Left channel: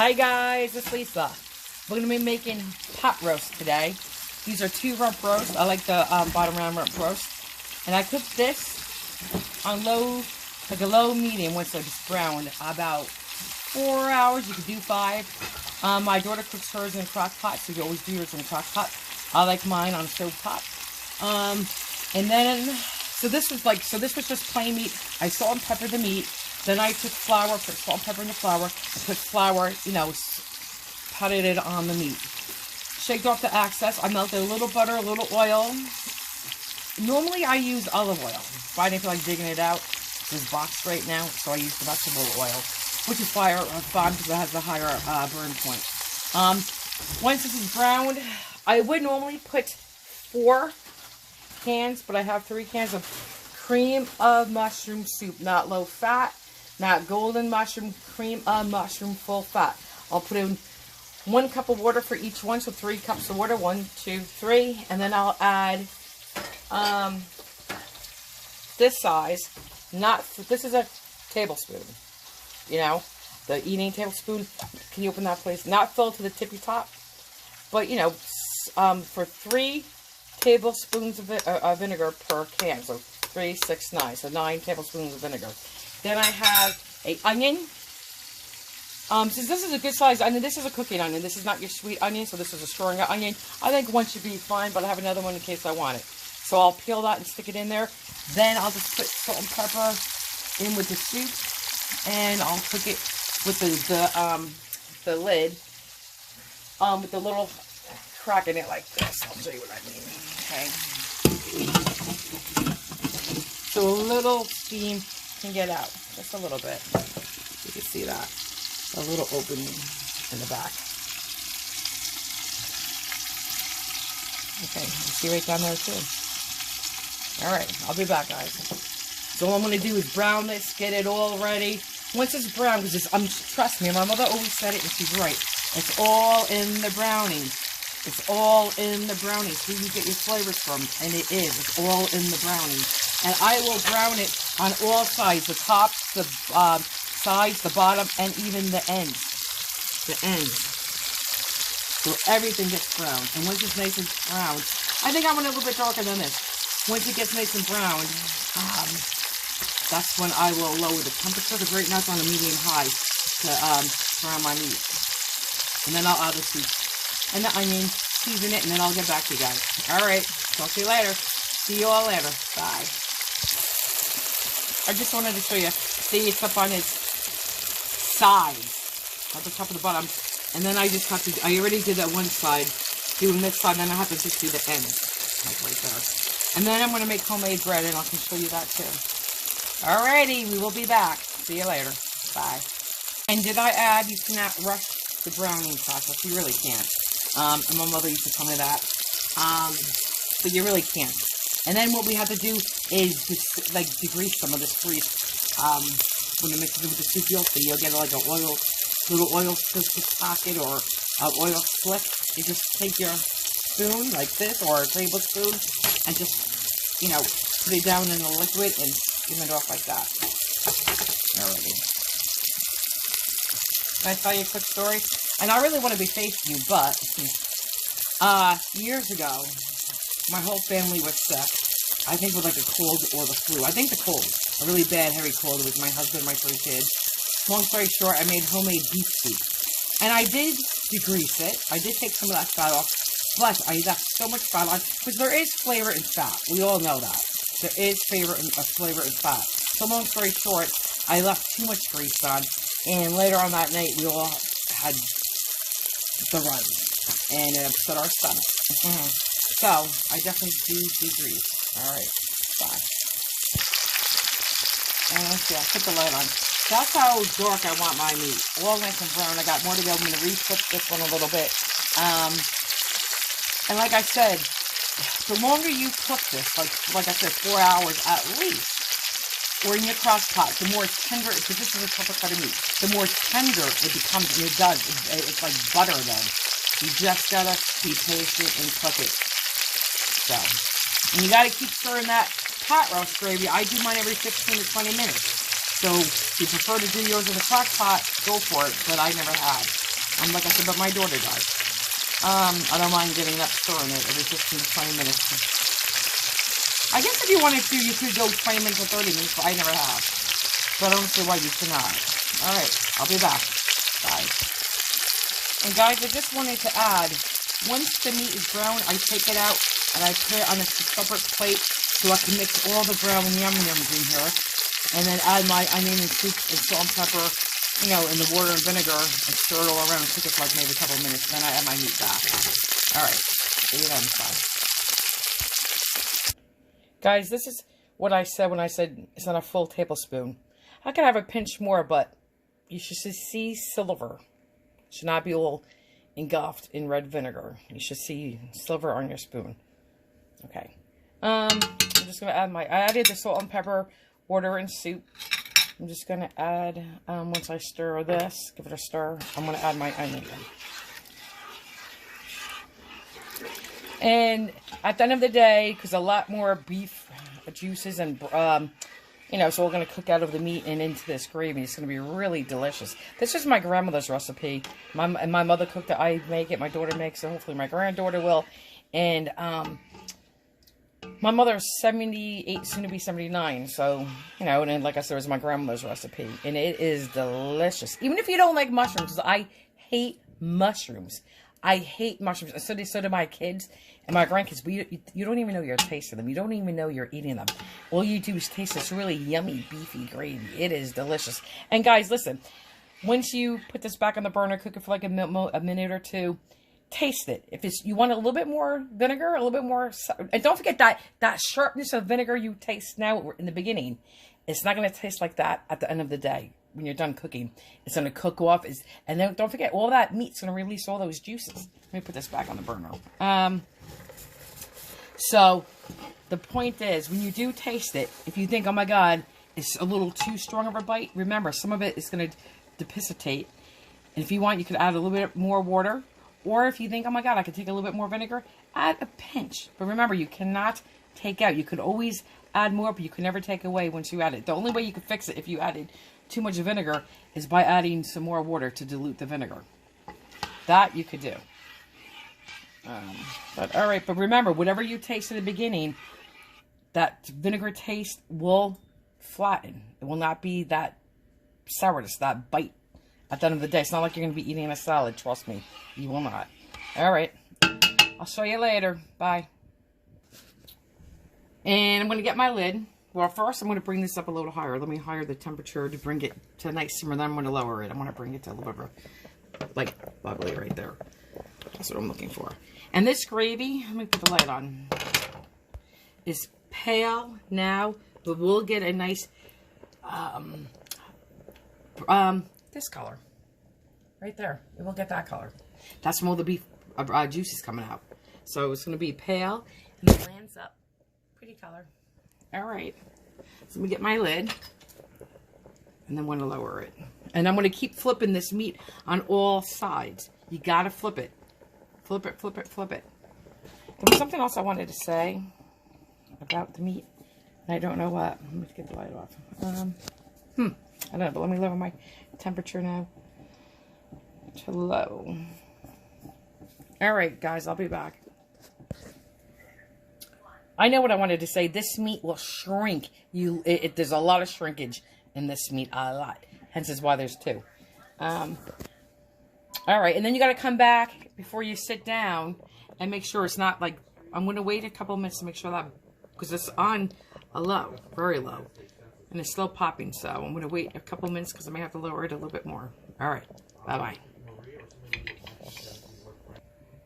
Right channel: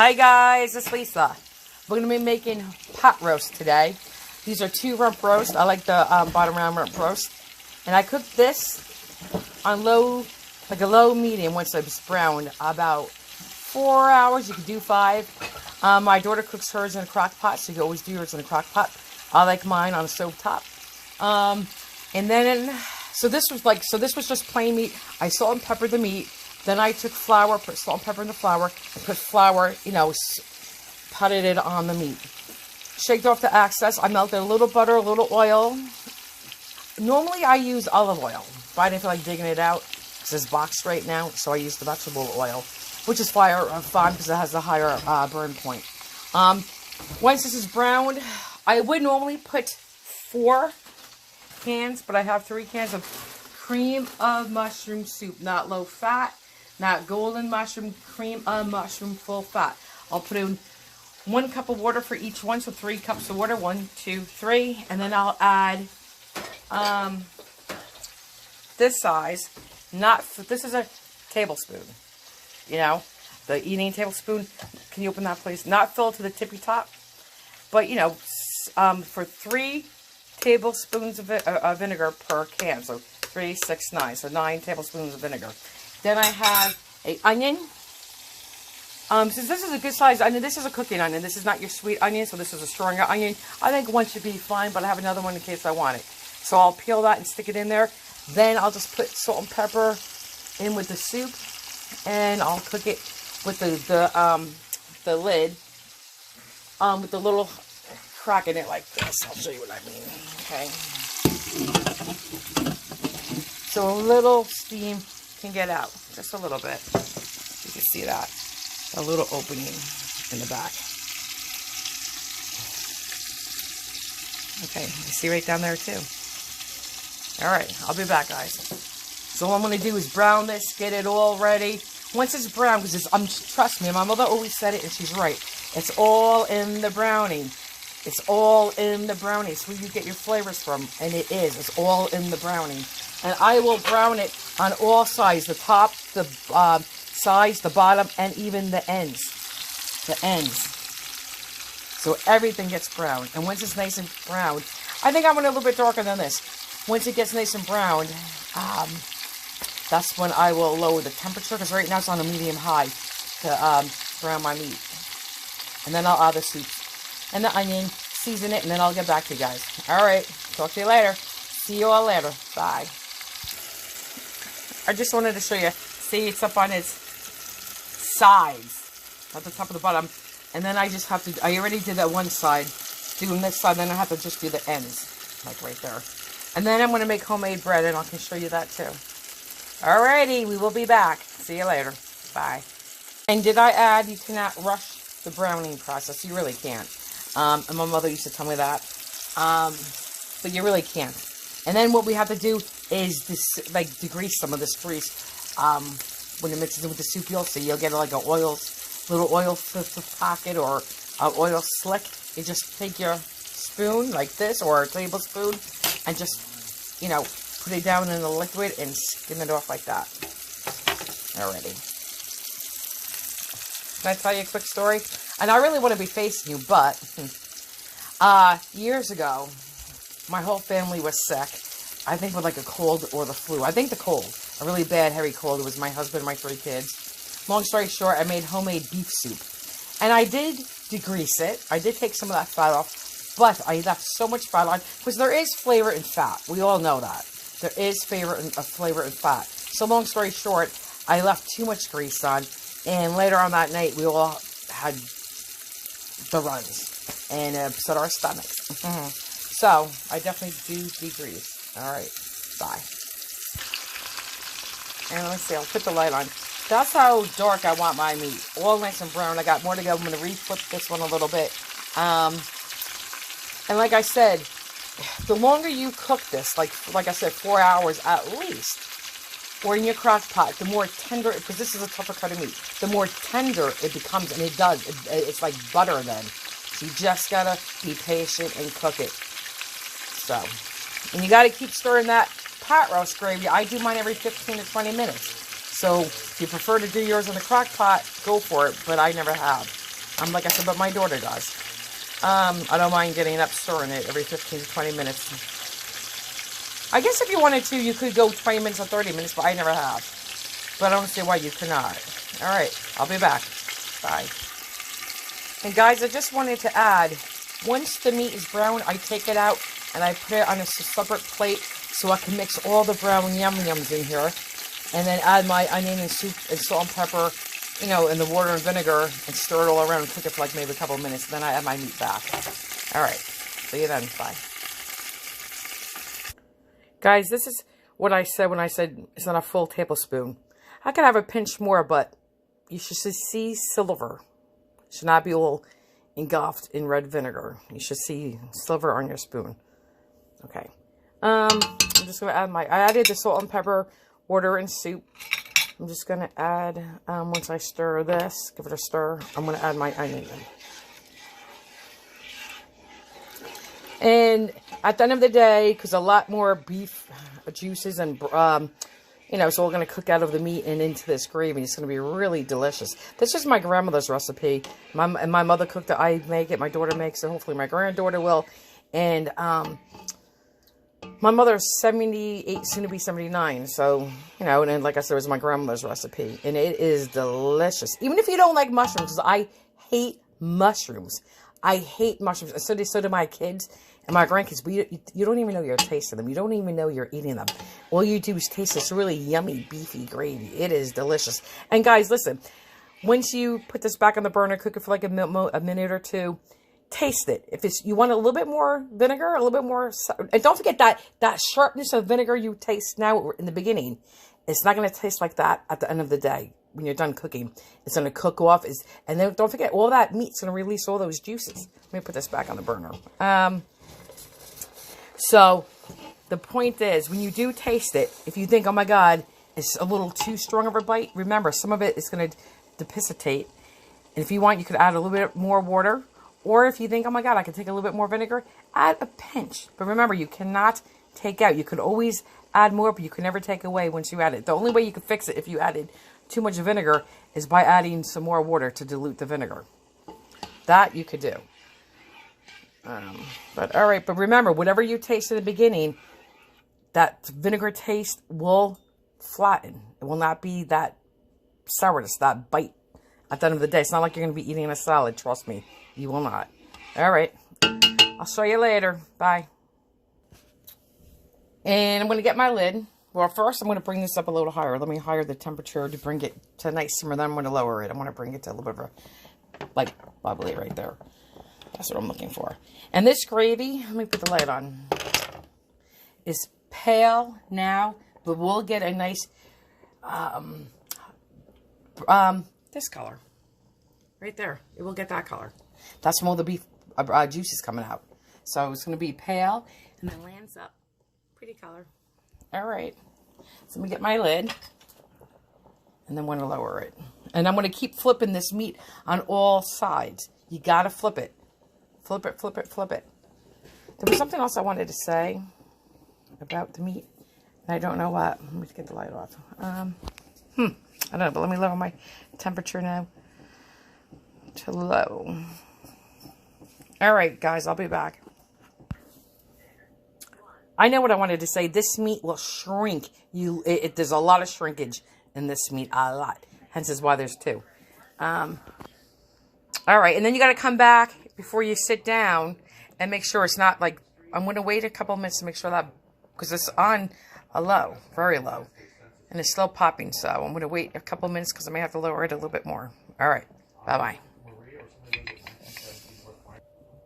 Hi guys, it's Lisa. We're going to be making pot roast today. These are 2 rump roast. I like the bottom round rump roast. And I cooked this on low, like a low medium once it's browned, about 4 hours. You could do 5. My daughter cooks hers in a crock pot, so you always do yours in a crock pot. I like mine on a stove top. And then, so this was just plain meat. I salt and peppered the meat. Then I took flour, put salt and pepper in the flour, and put flour, putted it on the meat. Shaked off the excess. I melted a little butter, a little oil. Normally I use olive oil, but I didn't feel like digging it out. It says boxed right now, so I used the vegetable oil, which is fine because it has the higher burn point. Once this is browned, I would normally put 4 cans, but I have 3 cans of cream of mushroom soup, not low fat. Not golden mushroom, cream of mushroom, full fat. I'll put in 1 cup of water for each one, so 3 cups of water, 1, 2, 3, and then I'll add this size. This is a tablespoon. The eating tablespoon. Can you open that, please? Not filled to the tippy top, but for 3 tablespoons of vinegar per can, so 3, 6, 9, so 9 tablespoons of vinegar. Then I have an onion. Since this is a good size onion, this is a cooking onion. This is not your sweet onion, so this is a stronger onion. I think 1 should be fine, but I have another one in case I want it. So I'll peel that and stick it in there. Then I'll just put salt and pepper in with the soup, and I'll cook it with the lid, with the little crack in it like this. I'll show you what I mean. Okay. So a little steam can get out, just a little bit. You can see that, a little opening in the back. Okay, you see right down there too. All right, I'll be back, guys. So all I'm going to do is brown this, get it all ready. Once it's brown, because trust me, my mother always said it, and she's right. It's all in the browning. It's all in the brownie. So you get your flavors from, and it is. It's all in the browning. And I will brown it on all sides, the top, the sides, the bottom, and even the ends. The ends. So everything gets browned. And once it's nice and browned, I think I want it a little bit darker than this. Once it gets nice and browned, that's when I will lower the temperature, because right now it's on a medium-high to brown my meat. And then I'll add the soup and the onion, season it, and then I'll get back to you guys. All right, talk to you later. See you all later. Bye. I just wanted to show you. See, it's up on its sides, at the top of the bottom, and then I just have to. I already did that one side, doing this side. Then I have to just do the ends, like right there. And then I'm going to make homemade bread, and I can show you that too. Alrighty, we will be back. See you later. Bye. And did I add? You cannot rush the browning process. You really can't. And my mother used to tell me that. But you really can't. And then what we have to do is just degrease some of this grease. When you mix it with the soup, you'll get like a little oil pocket or an oil slick. You just take your spoon like this or a tablespoon and just, put it down in the liquid and skim it off like that. Already. Can I tell you a quick story? And I really want to be facing you, but years ago, my whole family was sick. I think with like a cold or the flu. I think the cold. A really bad, heavy cold with my husband and my 3 kids. Long story short, I made homemade beef soup. And I did degrease it. I did take some of that fat off. But I left so much fat on. Because there is flavor in fat. We all know that. There is flavor in fat. So long story short, I left too much grease on. And later on that night, we all had the runs. And it upset our stomach. So, I definitely do degrease. Alright, bye. And let's see, I'll put the light on. That's how dark I want my meat. All nice and brown. I got more to go. I'm going to re-flip this one a little bit. And like I said, the longer you cook this, like I said, 4 hours at least, or in your crock pot, the more tender, because this is a tougher cut of meat, the more tender it becomes, and it does. It's like butter then. You just got to be patient and cook it. So, and you got to keep stirring that pot roast gravy. I do mine every 15 to 20 minutes. So if you prefer to do yours in the crock pot, go for it, but I never have. Like I said, but my daughter does. I don't mind getting up stirring it every 15 to 20 minutes. I guess if you wanted to, you could go 20 minutes or 30 minutes, but I never have. But I don't see why you cannot. All right, I'll be back. Bye. And guys, I just wanted to add, once the meat is brown, I take it out and I put it on a separate plate so I can mix all the brown yum-yums in here. And then add my onion and soup and salt and pepper, you know, in the water and vinegar and stir it all around and cook it for like maybe a couple of minutes. Then I add my meat back. All right, see you then. Bye. Guys, this is what I said when I said it's not a full tablespoon. I could have a pinch more, but you should see silver. It should not be all engulfed in red vinegar. You should see silver on your spoon. Okay. I'm just going to add I added the salt and pepper, water, and soup. I'm just going to add, once I stir this, give it a stir, I'm going to add my onion. And at the end of the day, because a lot more beef juices and, you know, so we're going to cook out of the meat and into this gravy. It's going to be really delicious. This is my grandmother's recipe. My mother cooked it. I make it. My daughter makes it. Hopefully my granddaughter will. And my mother's 78, soon to be 79. So, you know, and then, like I said, it was my grandmother's recipe. And it is delicious. Even if you don't like mushrooms, because I hate mushrooms. I hate mushrooms. So do my kids and my grandkids. But you don't even know you're tasting them. You don't even know you're eating them. All you do is taste this really yummy, beefy gravy. It is delicious. And guys, listen. Once you put this back on the burner, cook it for like a minute or two. Taste it. If you want a little bit more vinegar, a little bit more, and don't forget that sharpness of vinegar you taste now in the beginning. It's not going to taste like that at the end of the day when you're done cooking. It's going to cook off, and then don't forget all that meat's going to release all those juices. Let me put this back on the burner. So the point is, when you do taste it, if you think, oh my God, it's a little too strong of a bite, remember some of it is going to depacitate. And if you want, you could add a little bit more water. Or if you think, oh my God, I could take a little bit more vinegar, add a pinch. But remember, you cannot take out. You could always add more, but you can never take away once you add it. The only way you can fix it if you added too much vinegar is by adding some more water to dilute the vinegar. That you could do. But all right, but remember, whatever you taste in the beginning, that vinegar taste will flatten. It will not be that sourness, that bite at the end of the day. It's not like you're going to be eating a salad, trust me. You will not. All right. I'll show you later. Bye. And I'm going to get my lid. Well, first I'm going to bring this up a little higher. Let me higher the temperature to bring it to a nice simmer. Then I'm going to lower it. I'm going to bring it to a little bit of a, like, bubbly right there. That's what I'm looking for. And this gravy, let me put the light on, is pale now, but we'll get a nice, this color. Right there. It will get that color. That's when all the beef juice is coming out. So it's going to be pale and it lands up. Pretty color. All right. So let me get my lid. And then I'm going to lower it. And I'm going to keep flipping this meat on all sides. You got to flip it. Flip it, flip it, flip it. There was something else I wanted to say about the meat. And I don't know what. Let me get the light off. I don't know, but let me lower my temperature now to low. All right, guys, I'll be back. I know what I wanted to say. This meat will shrink. There's a lot of shrinkage in this meat, a lot. Hence is why there's two. All right, and then you got to come back before you sit down and make sure it's not like, I'm going to wait a couple minutes to make sure that, because it's on a low, very low, and it's still popping, so I'm going to wait a couple minutes because I may have to lower it a little bit more. All right, bye-bye.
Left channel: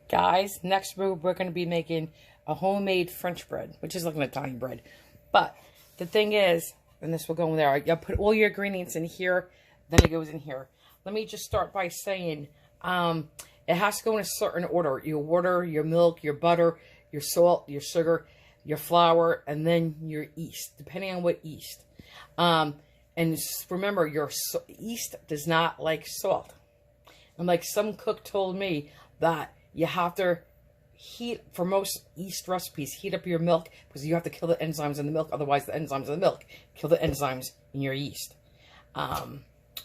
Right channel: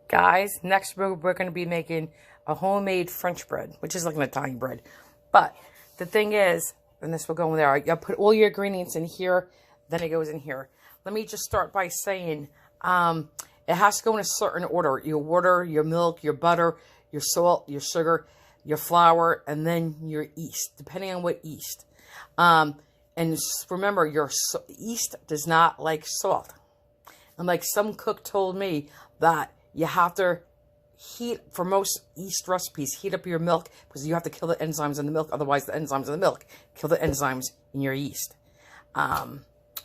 Guys, next we're going to be making a homemade French bread, which is like an Italian bread. But the thing is, and this will go in there, you'll put all your ingredients in here, then it goes in here. Let me just start by saying, it has to go in a certain order. Your water, your milk, your butter, your salt, your sugar, your flour, and then your yeast, depending on what yeast. And remember, your yeast does not like salt. And like some cook told me that you have to heat, for most yeast recipes, heat up your milk because you have to kill the enzymes in the milk. Otherwise, the enzymes in the milk kill the enzymes in your yeast.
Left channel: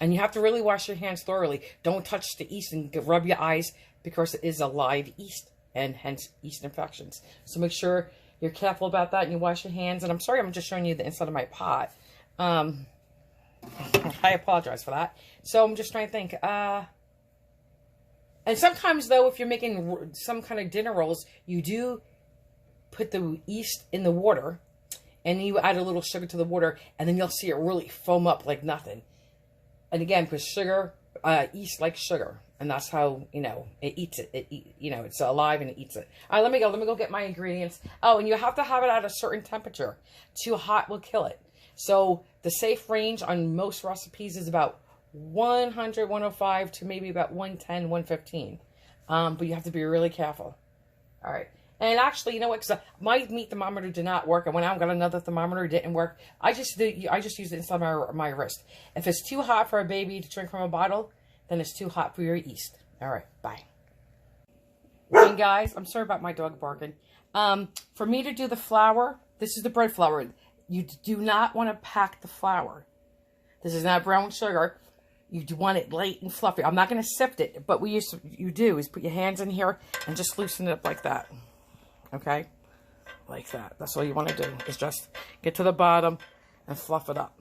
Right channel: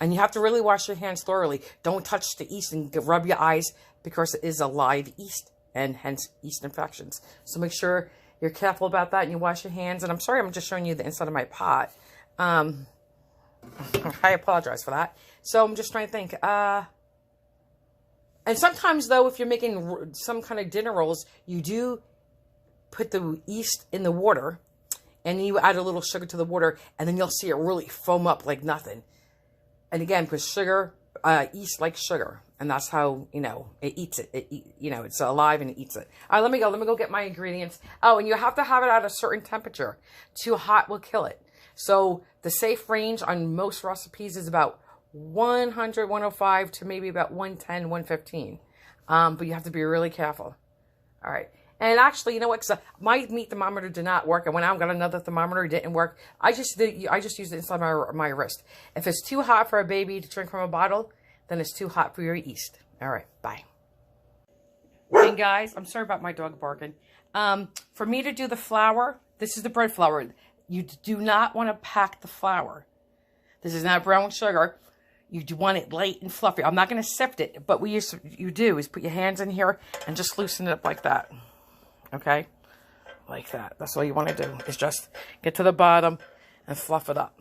And you have to really wash your hands thoroughly. Don't touch the yeast and rub your eyes because it is a live yeast and hence yeast infections. So make sure you're careful about that and you wash your hands. And I'm sorry, I'm just showing you the inside of my pot. I apologize for that. So I'm just trying to think. And sometimes, though, if you're making some kind of dinner rolls, you do put the yeast in the water. And you add a little sugar to the water. And then you'll see it really foam up like nothing. And again, because sugar, yeast likes sugar. And that's how, you know, it eats it. It's alive and it eats it. All right, let me go. Let me go get my ingredients. Oh, and you have to have it at a certain temperature. Too hot will kill it. So the safe range on most recipes is about 100, 105 to maybe about 110, 115. But you have to be really careful. All right. And actually, you know what? Because my meat thermometer did not work. And when I got another thermometer, it didn't work. I just used it inside my wrist. If it's too hot for a baby to drink from a bottle, then it's too hot for your yeast. All right. Bye. And guys, I'm sorry about my dog barking. For me to do the flour, this is the bread flour. You do not want to pack the flour. This is not brown sugar. You do want it light and fluffy. I'm not going to sift it, but what you do is put your hands in here and just loosen it up like that. Okay? Like that. That's all you want to do is just get to the bottom and fluff it up.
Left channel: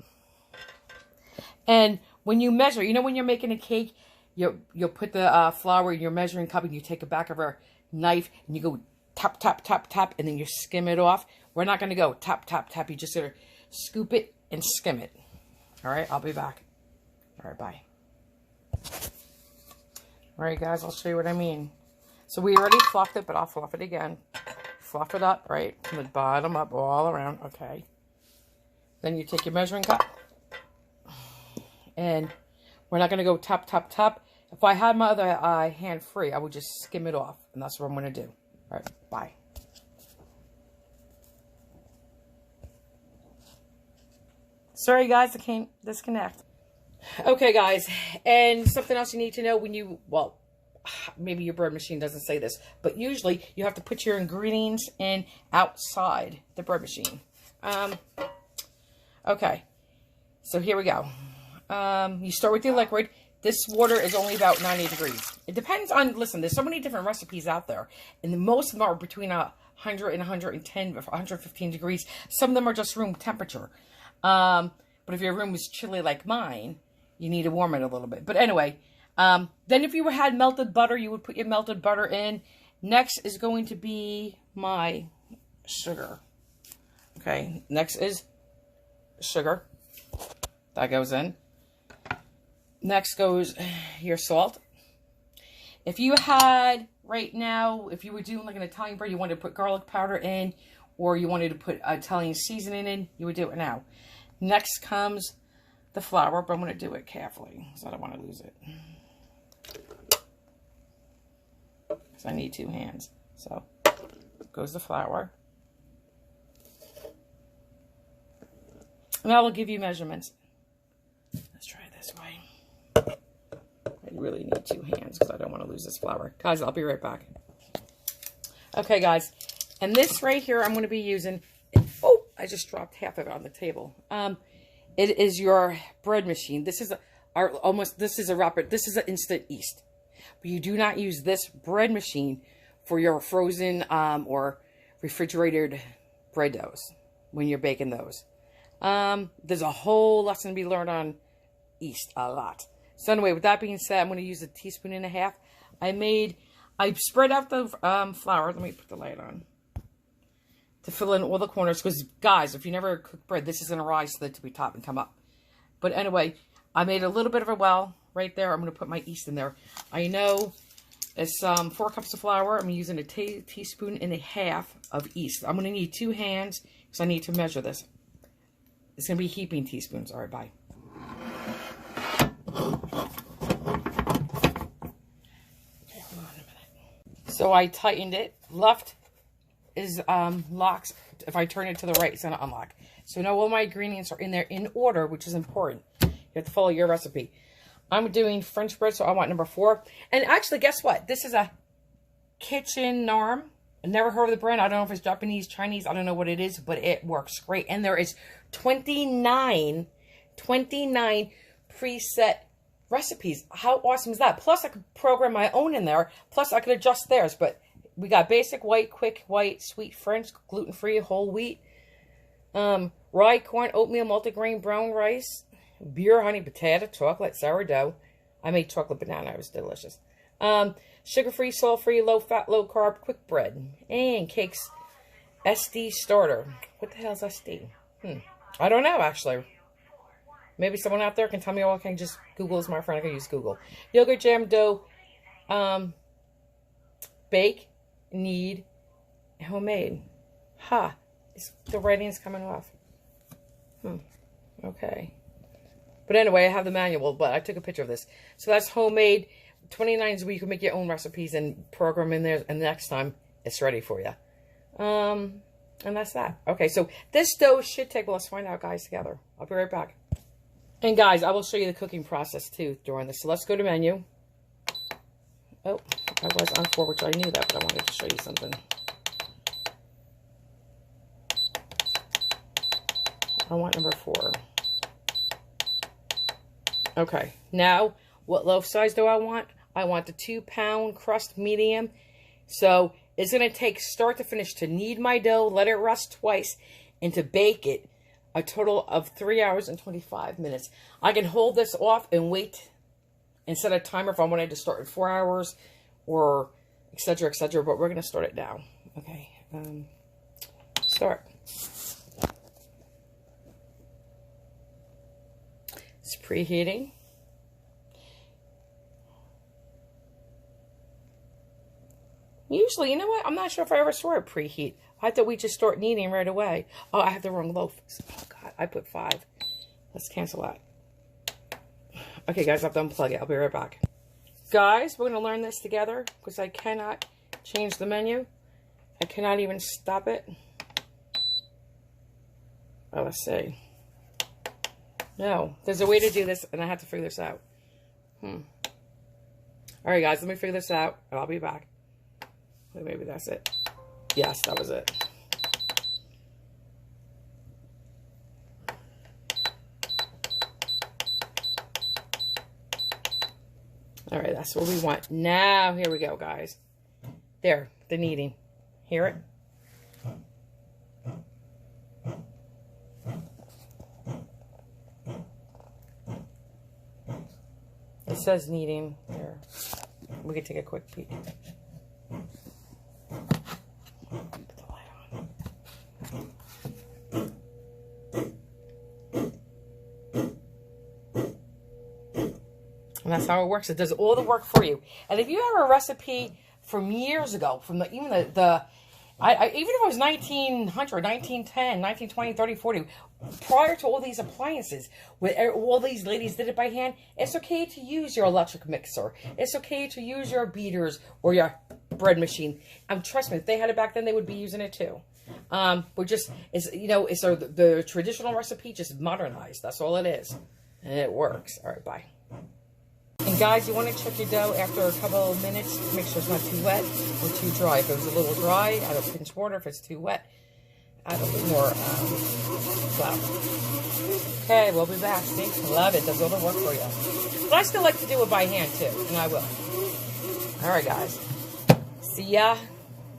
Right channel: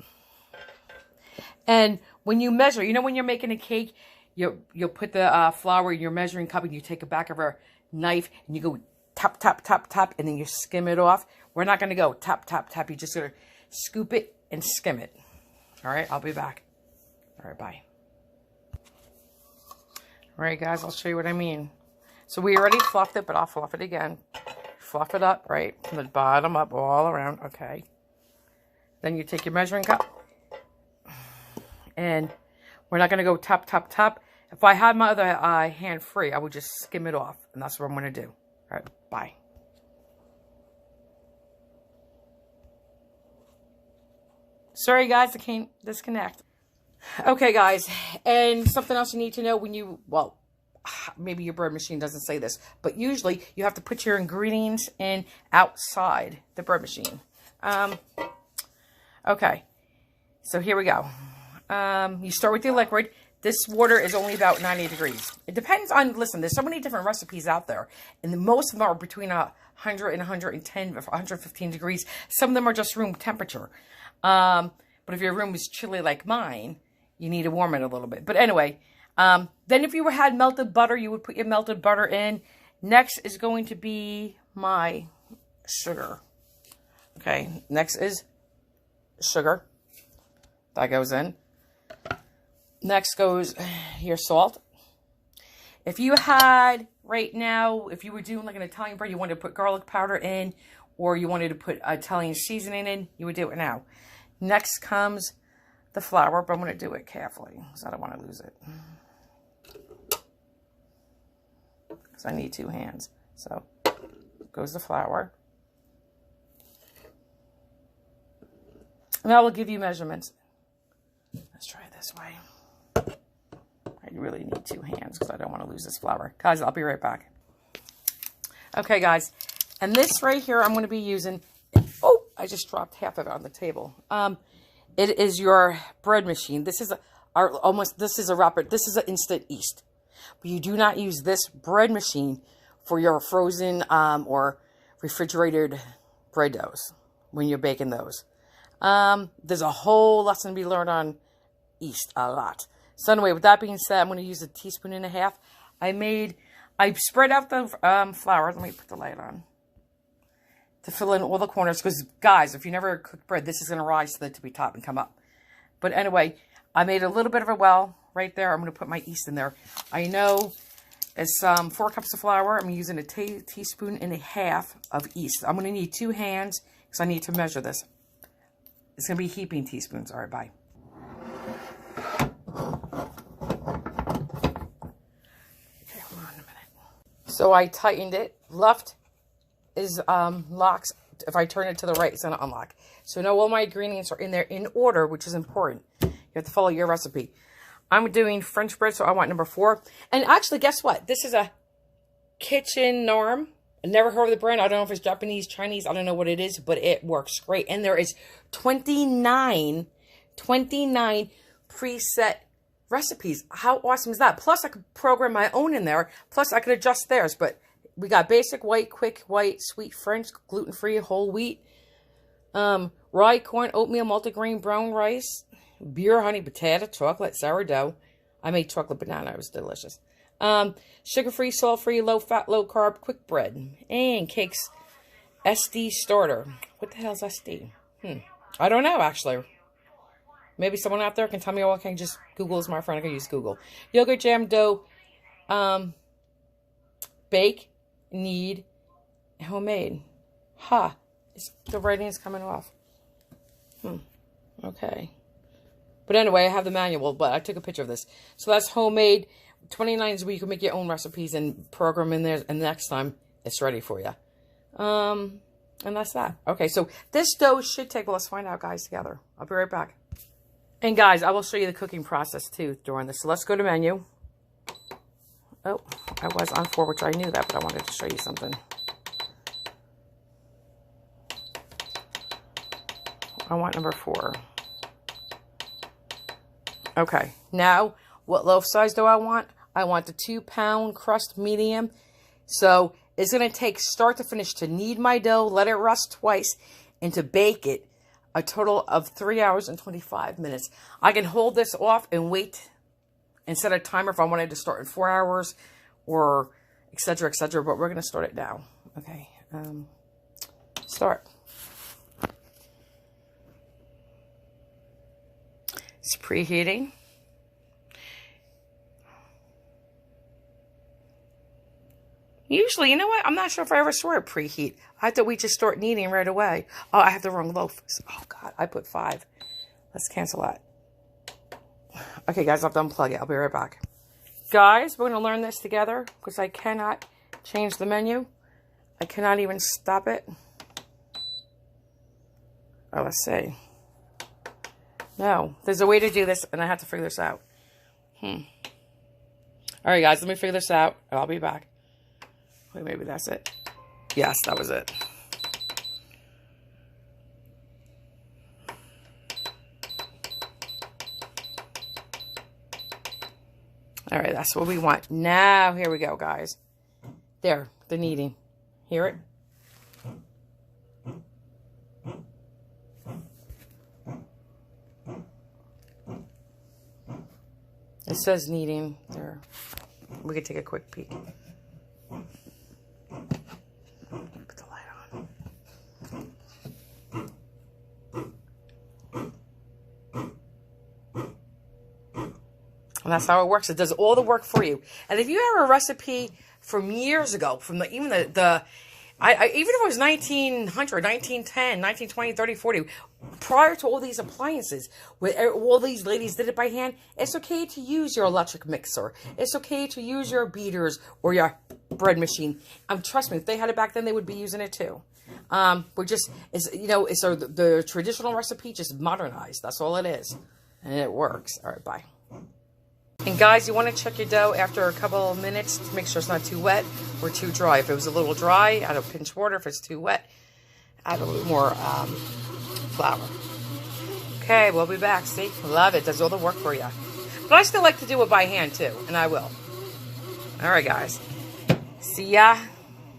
And when you measure, you know when you're making a cake, you'll put the flour in your measuring cup and you take a back of a knife and you go tap, tap, tap, tap, and then you skim it off. We're not going to go tap, tap, tap. You just got to scoop it and skim it. All right, I'll be back. All right, bye. All right, guys, I'll show you what I mean. So we already fluffed it, but I'll fluff it again. Fluff it up, right, from the bottom up all around. Okay. Then you take your measuring cup. And we're not going to go tap, tap, tap. If I had my other hand free, I would just skim it off. And that's what I'm going to do. All right, bye. Sorry, guys, I can't disconnect. Okay, guys, and something else you need to know when you, well, maybe your bread machine doesn't say this, but usually you have to put your ingredients in outside the bread machine. Okay, so here we go. You start with your liquid. This water is only about 90 degrees. It depends on, listen, there's so many different recipes out there, and most of them are between 100 and 110, 115 degrees. Some of them are just room temperature. But if your room is chilly like mine, you need to warm it a little bit. But anyway, then if you had melted butter, you would put your melted butter in. Next is going to be my sugar. Okay, next is sugar. That goes in. Next goes your salt. If you had, right now, if you were doing like an Italian bread, you wanted to put garlic powder in, or you wanted to put Italian seasoning in, you would do it now. Next comes the flour, but I'm going to do it carefully because I don't want to lose it. Because I need 2 hands. So, goes the flour. And I will give you measurements. Let's try it this way. I really need 2 hands because I don't want to lose this flour. Guys, I'll be right back. Okay, guys. And this right here, I'm going to be using... Oh, I just dropped half of it on the table. It is your bread machine. This is this is an instant yeast. But you do not use this bread machine for your frozen or refrigerated bread doughs when you're baking those. There's a whole lesson to be learned on yeast, a lot. So anyway, with that being said, I'm going to use 1.5 teaspoons. I spread out the flour. Let me put the light on. To fill in all the corners. Because, guys, if you never cook bread, this is going to rise to the tippy top and come up. But anyway, I made a little bit of a well right there. I'm going to put my yeast in there. I know it's 4 cups of flour. I'm using 1.5 teaspoons of yeast. I'm going to need 2 hands because I need to measure this. It's going to be heaping teaspoons. All right, bye. Okay, hold on a minute. So I tightened it. Left is locks. If I turn it to the right, it's going to unlock. So now all my ingredients are in there in order, which is important. You have to follow your recipe. I'm doing French bread, so I want number 4. And actually, guess what? This is a Kitchen Norm. I never heard of the brand. I don't know if it's Japanese, Chinese. I don't know what it is, but it works great. And there is 29 preset recipes. How awesome is that? Plus, I could program my own in there. Plus, I could adjust theirs. But we got basic white, quick white, sweet French, gluten-free, whole wheat, rye, corn, oatmeal, multigrain, brown rice, beer, honey, potato, chocolate, sourdough. I made chocolate banana. It was delicious. Sugar-free, salt-free, low-fat, low-carb, quick bread. And cakes. SD starter. What the hell is SD? I don't know, actually. Maybe someone out there can tell me, or I can just Google is my friend. I can use Google. Yogurt, jam, dough, bake, knead, homemade. The writing is coming off. Okay. But anyway, I have the manual, but I took a picture of this. So that's homemade. 29 is where you can make your own recipes and program in there, and the next time it's ready for you. And that's that. Okay, so this dough should take, well, let's find out, guys, together. I'll be right back. And guys, I will show you the cooking process too during this. So let's go to menu. Oh, I was on 4, which I knew that, but I wanted to show you something. I want number 4. Okay, now what loaf size do I want? I want the 2-pound crust medium. So it's going to take start to finish to knead my dough, let it rest twice, and to bake it a total of 3 hours and 25 minutes. I can hold this off and wait and set a timer if I wanted to start in 4 hours or etc., etc. But we're going to start it now. Okay, start. It's preheating. Usually, you know what? I'm not sure if I ever saw it preheat. I thought we just start kneading right away. Oh, I have the wrong loaf. Oh, God. I put 5. Let's cancel that. Okay, guys. I'll unplug it. I'll be right back. Guys, we're going to learn this together because I cannot change the menu. I cannot even stop it. Oh, let's see. No. There's a way to do this, and I have to figure this out. All right, guys. Let me figure this out, and I'll be back. Wait, maybe that's it. Yes, that was it. All right, that's what we want. Now, here we go, guys. There, the kneading. Hear it? It says kneading there. We can take a quick peek. Put the light on. And that's how it works. It does all the work for you. And if you have a recipe from years ago, from even if it was 1900, 1910, 1920, 30, 40, prior to all these appliances, where all these ladies did it by hand, it's okay to use your electric mixer. It's okay to use your beaters or your bread machine. Trust me, if they had it back then, they would be using it too. We're just, it's the traditional recipe just modernized. That's all it is. And it works. All right, bye. And guys, you want to check your dough after a couple of minutes to make sure it's not too wet or too dry. If it was a little dry, add a pinch of water. If it's too wet, add a little more flour. Okay, we'll be back. See? Love it. Does all the work for you. But I still like to do it by hand too, and I will. All right, guys. See ya.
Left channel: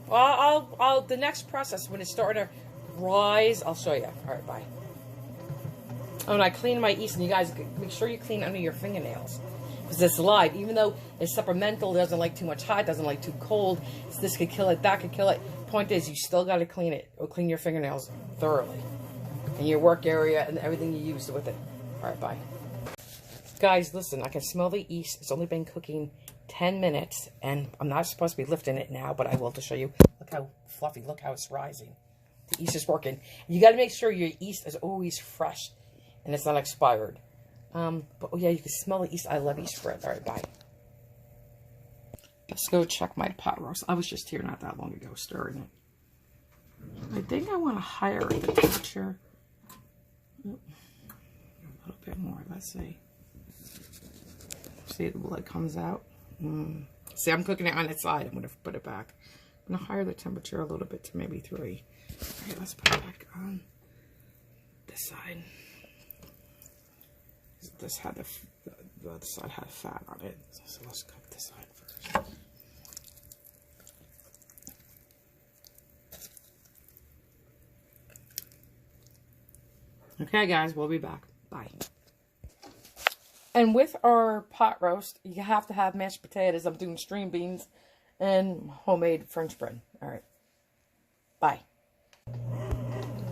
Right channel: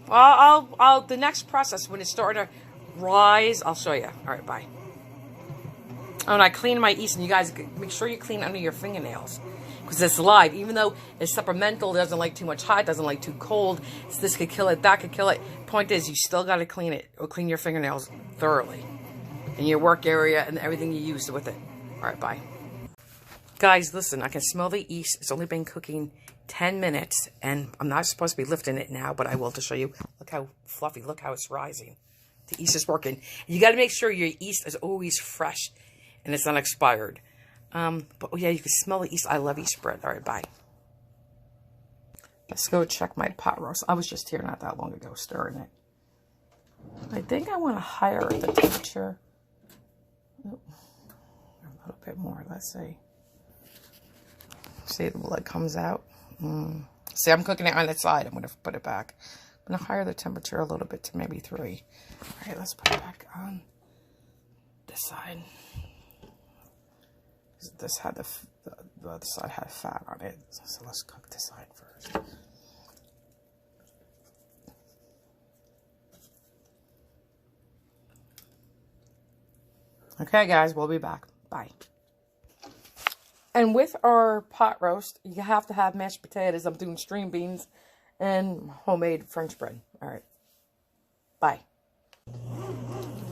Well, the next process, when it's starting to rise, I'll show you. All right, bye. Oh, and I clean my yeast, and you guys make sure you clean under your fingernails. Because it's live, even though it's supplemental, it doesn't like too much hot, doesn't like too cold. So this could kill it, that could kill it. Point is, you still got to clean it, or clean your fingernails thoroughly. In your work area and everything you use with it. All right, bye. Guys, listen, I can smell the yeast. It's only been cooking 10 minutes, and I'm not supposed to be lifting it now, but I will to show you. Look how fluffy, look how it's rising. The yeast is working. You got to make sure your yeast is always fresh, and it's not expired. But oh yeah, you can smell the yeast. I love yeast bread. All right, bye. Let's go check my pot roast. I was just here not that long ago stirring it. I think I want to higher the temperature. Oh, a little bit more. Let's see. See, the blood comes out. See, I'm cooking it on the side. I'm going to put it back. I'm going to higher the temperature a little bit to maybe 3. All right, let's put it back on this side. This had the other side had fat on it. So let's cook this side first. Okay, guys, we'll be back. Bye. And with our pot roast, you have to have mashed potatoes. I'm doing string beans and homemade French bread. All right. Bye.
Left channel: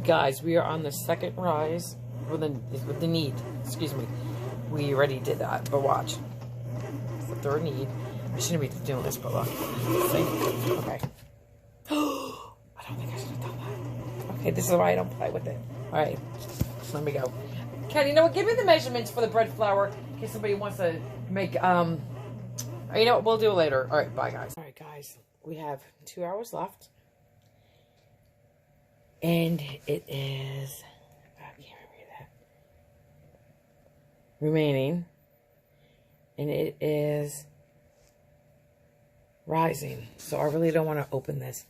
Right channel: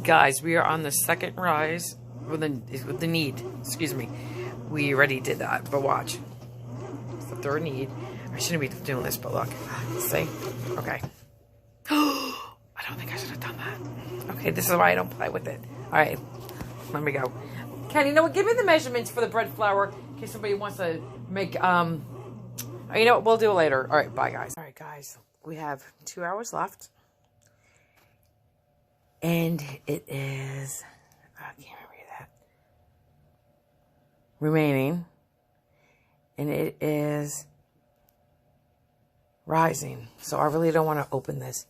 Guys, we are on the second rise with the knead. Excuse me. We already did that, but watch. It's the third knead. I shouldn't be doing this, but look. See? Okay. I don't think I should have done that. Okay, this is why I don't play with it. All right. Let me go. Ken, you know what? Give me the measurements for the bread flour in case somebody wants to make, you know what? We'll do it later. All right, bye, guys. All right, guys. We have 2 hours left. And it is, I can't remember that. Remaining. And it is rising. So I really don't want to open this.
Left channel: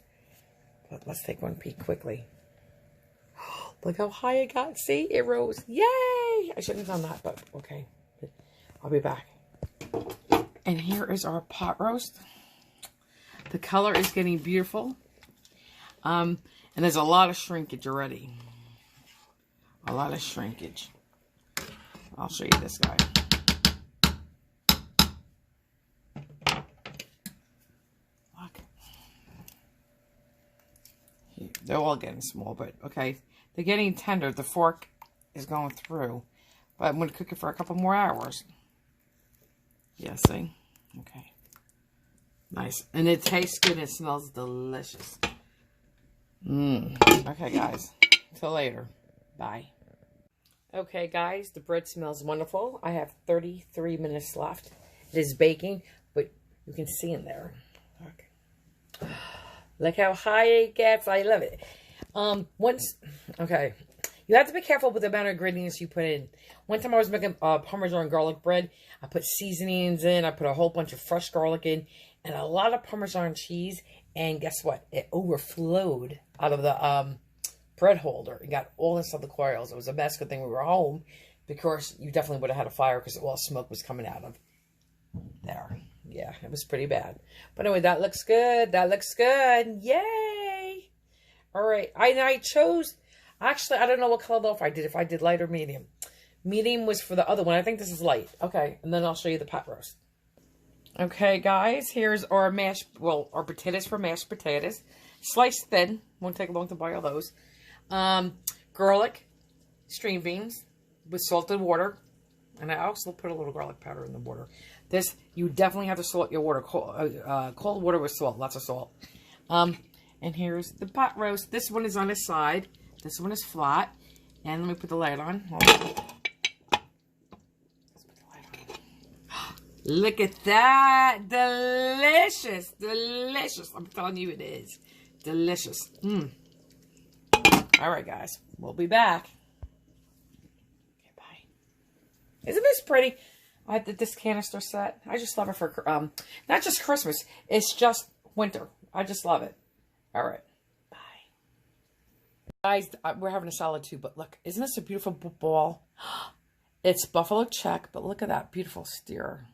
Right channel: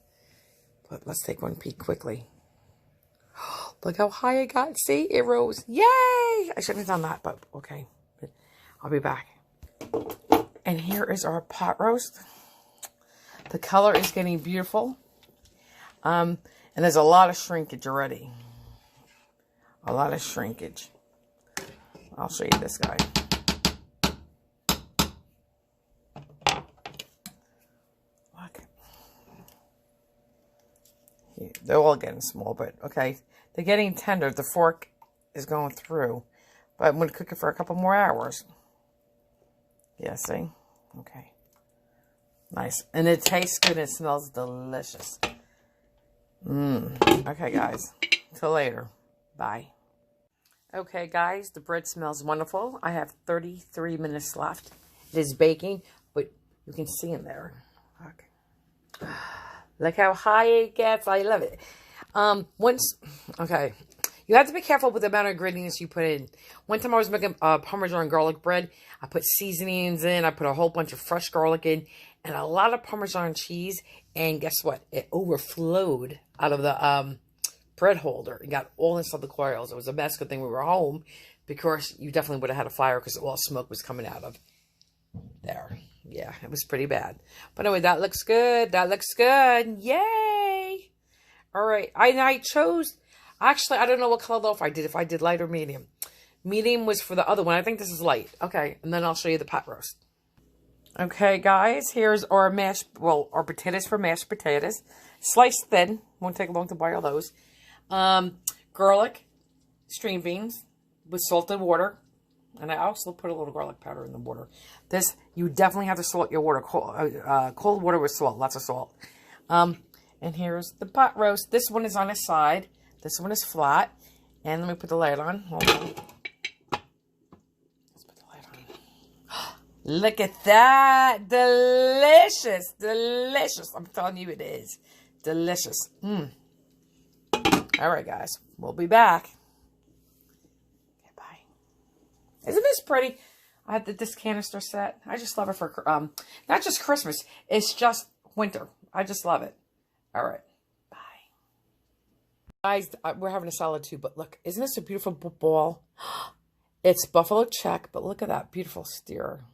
But let's take one peek quickly. Look how high it got. See, it rose. Yay! I shouldn't have done that, but okay. I'll be back. And here is our pot roast. The color is getting beautiful. And there's a lot of shrinkage already. A lot of shrinkage. I'll show you this guy. Look. Here, they're all getting small, but okay. They're getting tender. The fork is going through. But I'm going to cook it for a couple more hours. Yeah, see? Okay. Nice. And it tastes good and it smells delicious. Okay, guys. Till later. Bye. Okay, guys. The bread smells wonderful. I have 33 minutes left. It is baking, but you can see in there. Look. Look how high it gets. I love it. Okay. You have to be careful with the amount of ingredients you put in. One time I was making Parmesan garlic bread. I put seasonings in. I put a whole bunch of fresh garlic in. And a lot of Parmesan cheese. And guess what? It overflowed out of the bread holder. It got all inside the coils. It was a mess. Good thing we were home. Because you definitely would have had a fire. Because all smoke was coming out of there. Yeah, it was pretty bad. But anyway, that looks good. That looks good. Yay! All right. I chose... Actually, I don't know what color loaf I did. If I did light or medium. Medium was for the other one. I think this is light. Okay. And then I'll show you the pot roast. Okay, guys. Here's our our potatoes for mashed potatoes. Sliced thin. Won't take long to boil those. Garlic. String beans. With salted water. And I also put a little garlic powder in the water. This, you definitely have to salt your water. Cold water with salt. Lots of salt. And here's the pot roast. This one is on its side. This one is flat. And let me put the light on. Hold on. Let's put the light on. Look at that. Delicious. Delicious. I'm telling you it is. Delicious. All right, guys. We'll be back. Okay, bye. Isn't this pretty? I had this canister set. I just love it for, not just Christmas. It's just winter. I just love it. All right. Guys, we're having a salad too, but look, isn't this a beautiful ball? It's buffalo check, but look at that beautiful steer.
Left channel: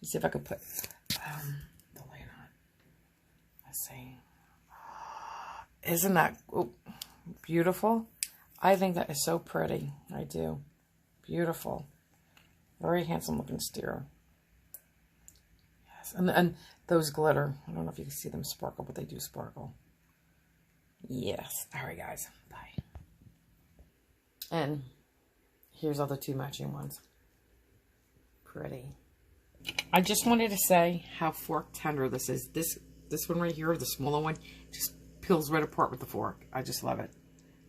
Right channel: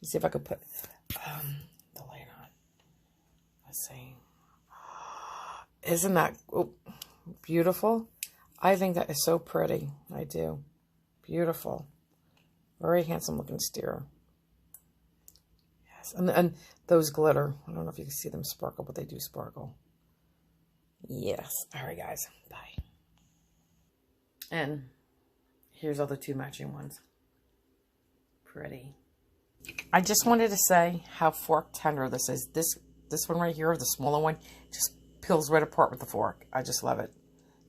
Let's see if I can put the light on. Let's see. Isn't that beautiful? I think that is so pretty. I do. Beautiful. Very handsome looking steer. Yes, and those glitter. I don't know if you can see them sparkle, but they do sparkle. Yes. All right, guys. Bye. And here's all the two matching ones. Pretty. I just wanted to say how fork tender this is. This one right here, the smaller one, just peels right apart with the fork. I just love it.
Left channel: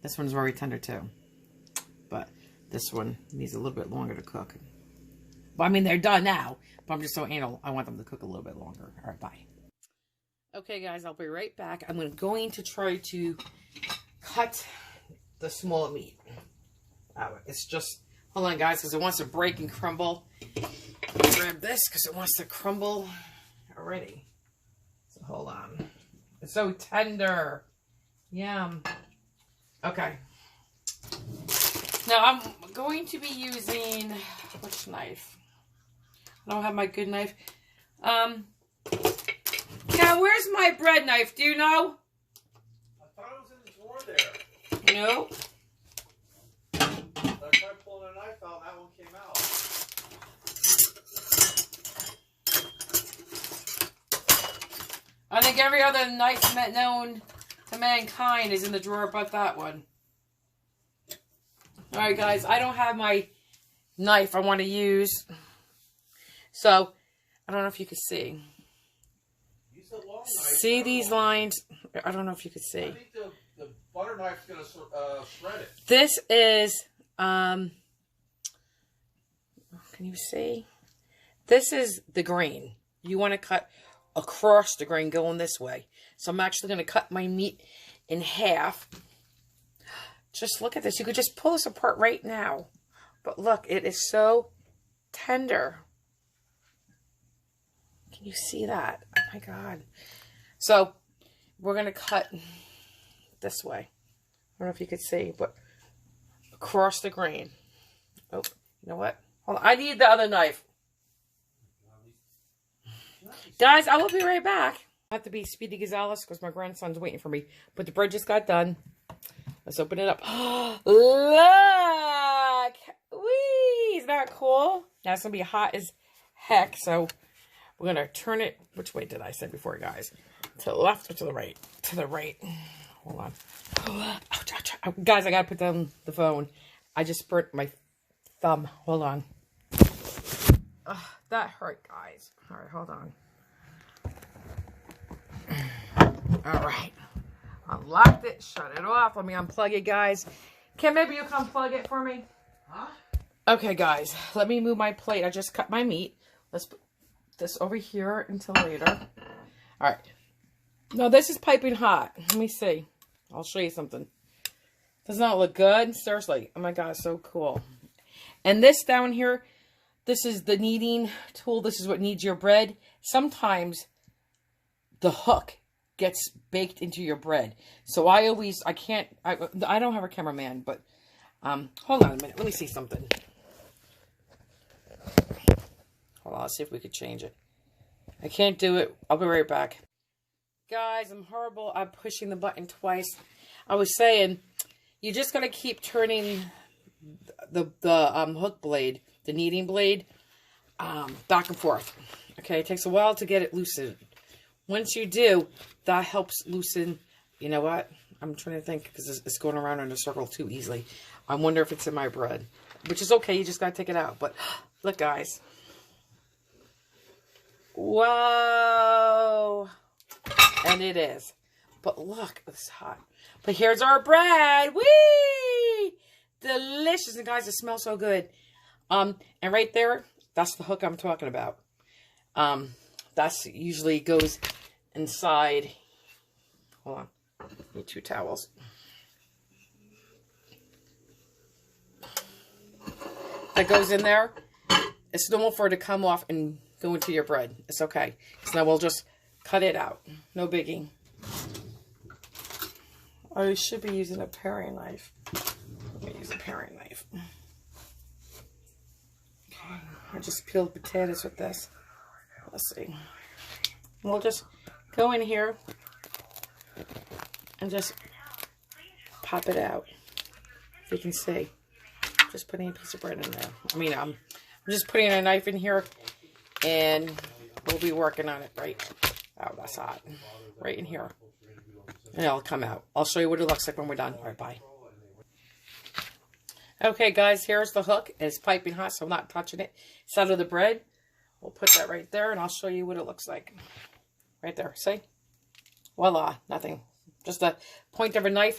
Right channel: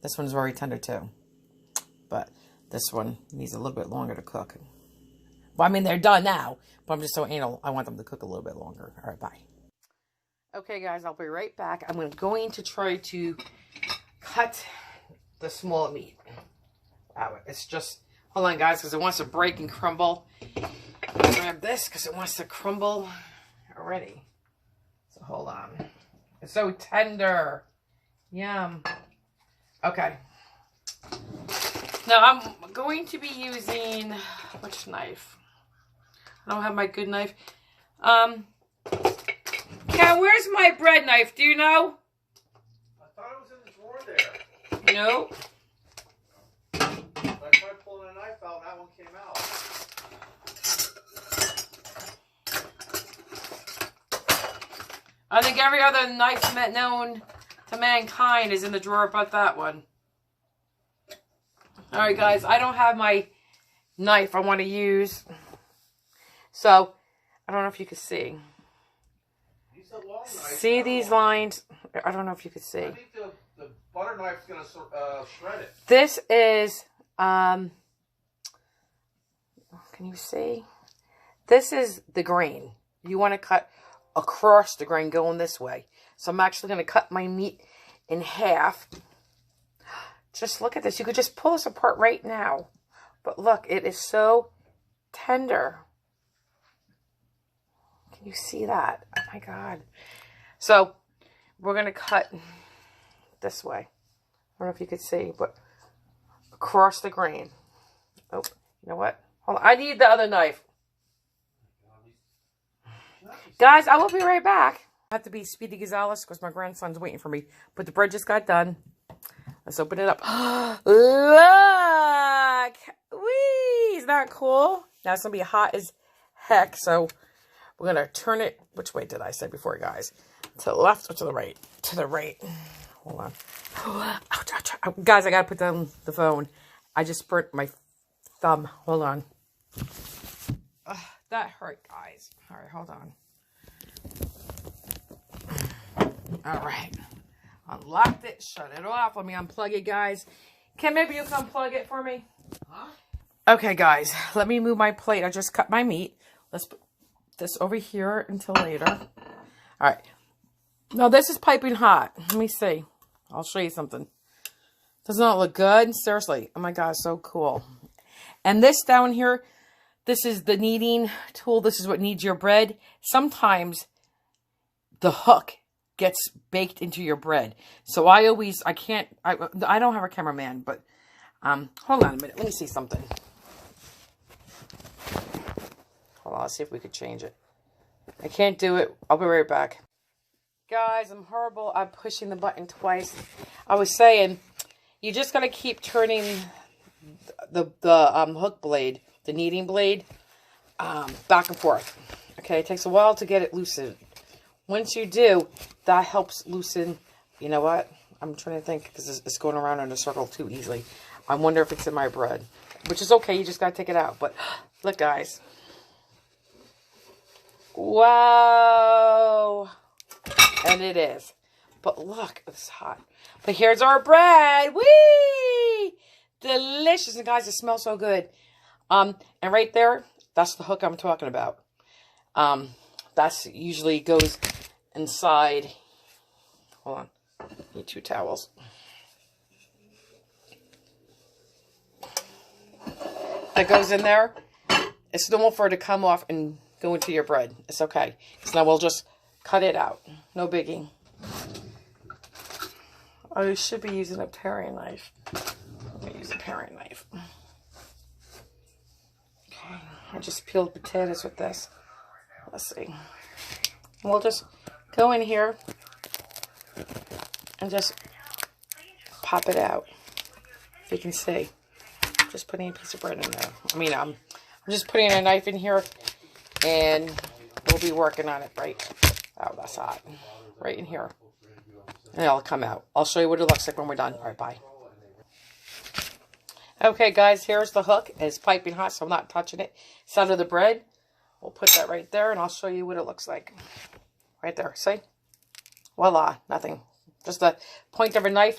This one's very tender too. But this one needs a little bit longer to cook. Well, I mean, they're done now. But I'm just so anal. I want them to cook a little bit longer. All right, bye. Okay, guys, I'll be right back. I'm going to try to cut the small meat out. It's just, hold on, guys, because it wants to break and crumble. Grab this because it wants to crumble already. So hold on. It's so tender. Yum. Okay. Now I'm going to be using, which knife? I don't have my good knife. Ken, where's my bread knife? Do you know? I thought it was in the drawer there. No. I tried pulling a knife out, that one came out. I think every other knife known to mankind is in the drawer but that one. Alright guys, I don't have my knife I want to use. So, I don't know if you can see. See these lines? I don't know if you can see. I think the butter knife's going to shred it. This is, can you see? This is the grain. You want to cut across the grain going this way. So I'm actually going to cut my meat in half. Just look at this. You could just pull this apart right now. But look, it is so tender. Can you see that? Oh my God. So we're going to cut this way. I don't know if you could see, but across the grain. Oh, you know what? Hold on. I need the other knife. Guys, I will be right back. I have to be Speedy Gonzales because my grandson's waiting for me. But the bread just got done. Let's open it up. Look! Whee! Isn't that cool? Now it's going to be hot as heck. So we're going to turn it. Which way did I say before, guys? To the left or to the right? To the right. Hold on. Ouch, ouch, ouch. Guys, I got to put down the phone. I just burnt my thumb. Hold on. Oh, that hurt, guys. All right, hold on. All right. Unlocked it. Shut it off. Let me unplug it, guys. Ken, maybe you can unplug it for me? Huh? Okay, guys. Let me move my plate. I just cut my meat. Let's put this over here until later. All right. No, this is piping hot. Let me see. I'll show you something. Does not look good? Seriously. Oh, my God. So cool. And this down here, this is the kneading tool. This is what kneads your bread. Sometimes the hook gets baked into your bread. So I don't have a cameraman, but hold on a minute. Let me see something. Hold on, let's see if we could change it. I can't do it. I'll be right back. Guys, I'm horrible. I'm pushing the button twice. I was saying, you just got to keep turning the hook blade, the kneading blade, back and forth. Okay, it takes a while to get it loosened. Once you do, that helps loosen. You know what? I'm trying to think because it's going around in a circle too easily. I wonder if it's in my bread, which is okay. You just got to take it out. But look, guys. Wow. And it is. But look, it's hot. But here's our bread. Whee! Delicious. And guys, it smells so good. And right there, that's the hook I'm talking about. That's usually goes inside. Hold on. Need 2 towels. That goes in there. It's normal for it to come off and go into your bread. It's okay. So now we'll just cut it out. No biggie. Oh, you should be using a paring knife. Let me use a paring knife. I just peeled potatoes with this. Let's see. We'll just go in here and just pop it out. If you can see. Just putting a piece of bread in there. I mean, I'm just putting a knife in here and we'll be working on it right. Oh, that's hot. Right in here. And it'll come out. I'll show you what it looks like when we're done. All right, bye. Okay, guys, here's the hook. It's piping hot, so I'm not touching it. It's out of the bread. We'll put that right there, and I'll show you what it looks like. Right there, see? Voila, nothing. Just the point of a knife.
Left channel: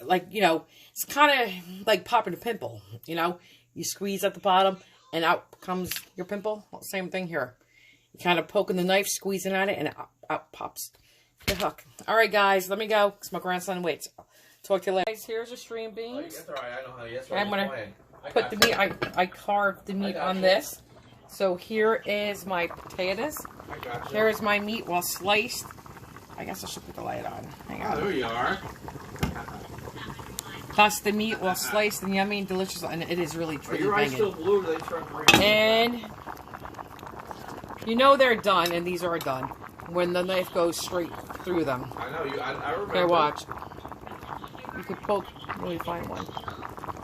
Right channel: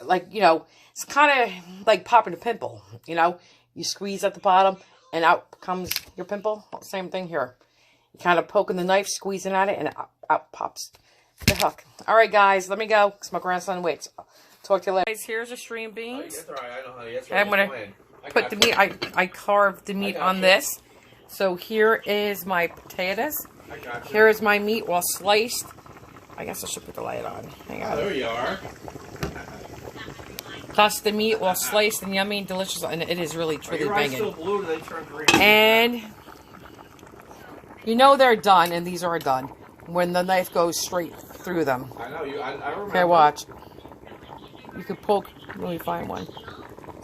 Like, you know, it's kind of like popping a pimple, you know? You squeeze at the bottom, and out comes your pimple. Same thing here. You kind of poking the knife, squeezing at it, and out pops the hook. All right, guys, let me go, because my grandson waits. Talk to you later. Guys, here's the string beans. That's all right. I know how. That's I'm going to put the meat. I carved the meat on this. So here is my potatoes. Here is my meat well sliced. I guess I should put the light on. Hang on. There you are. Plus the meat well sliced and yummy and delicious. And it is really, truly banging. Still blue, they turn green. And You know they're done, and these are done when the knife goes straight through them. I know you. I remember. Okay, watch. You could poke. Let me find one.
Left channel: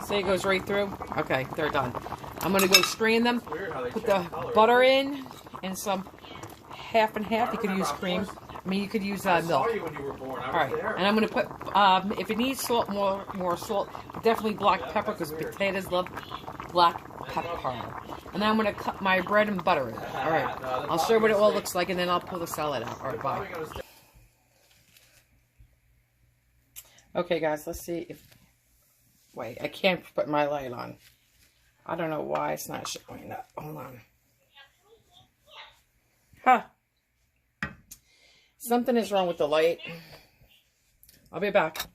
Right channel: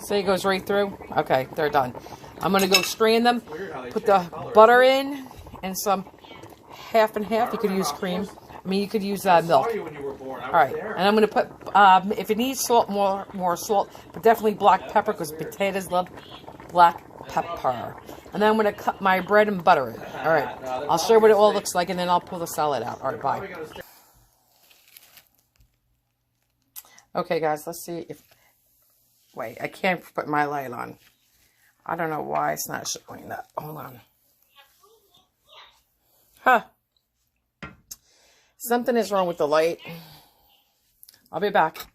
See, it goes right through. Okay, they're done. I'm gonna go strain them. Put the butter in and some half and half. You could use cream. I mean, you could use milk. I saw you when you were born. All right, and I'm gonna put if it needs salt, more salt, but definitely black pepper because potatoes love black pepper. And then I'm gonna cut my bread and butter it. All right, I'll show you what it all looks like, and then I'll pull the salad out. All right, bye. Okay, guys, let's see if. Wait, I can't put my light on. I don't know why it's not showing that. Hold on. Huh. Something is wrong with the light. I'll be back.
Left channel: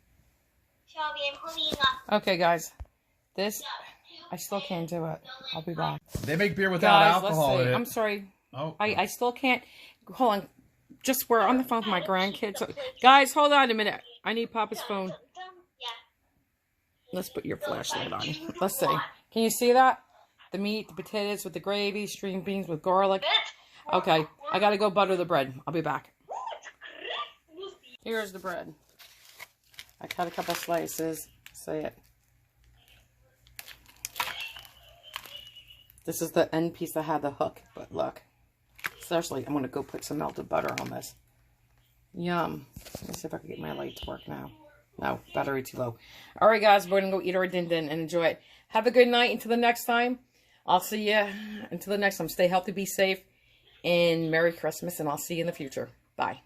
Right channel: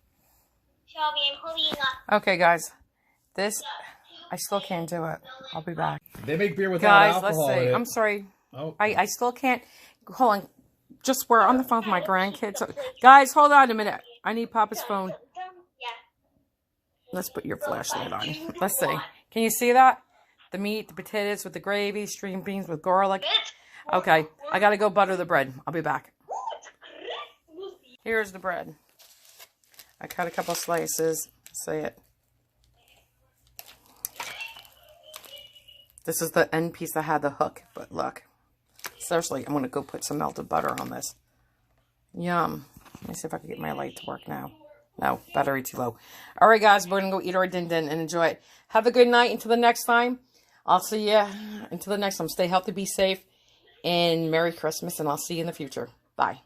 Okay, guys. This, I still can't do it. I'll be back. They make beer without guys, alcohol let's see. in it. I'm sorry. Oh. I still can't. Hold on. Just we're on the phone with my grandkids. So, guys, hold on a minute. I need Papa's phone. Let's put your flashlight on. Let's see. Can you see that? The meat, the potatoes with the gravy, string beans with garlic. Okay, I gotta go butter the bread. I'll be back. Here's the bread. I cut a couple slices. See it. This is the end piece that had the hook, but look. Seriously, I'm gonna go put some melted butter on this. Yum. Let me see if I can get my light to work now. No, battery too low. All right, guys, we're going to go eat our din-din and enjoy it. Have a good night until the next time. I'll see you until the next time. Stay healthy, be safe, and Merry Christmas, and I'll see you in the future. Bye.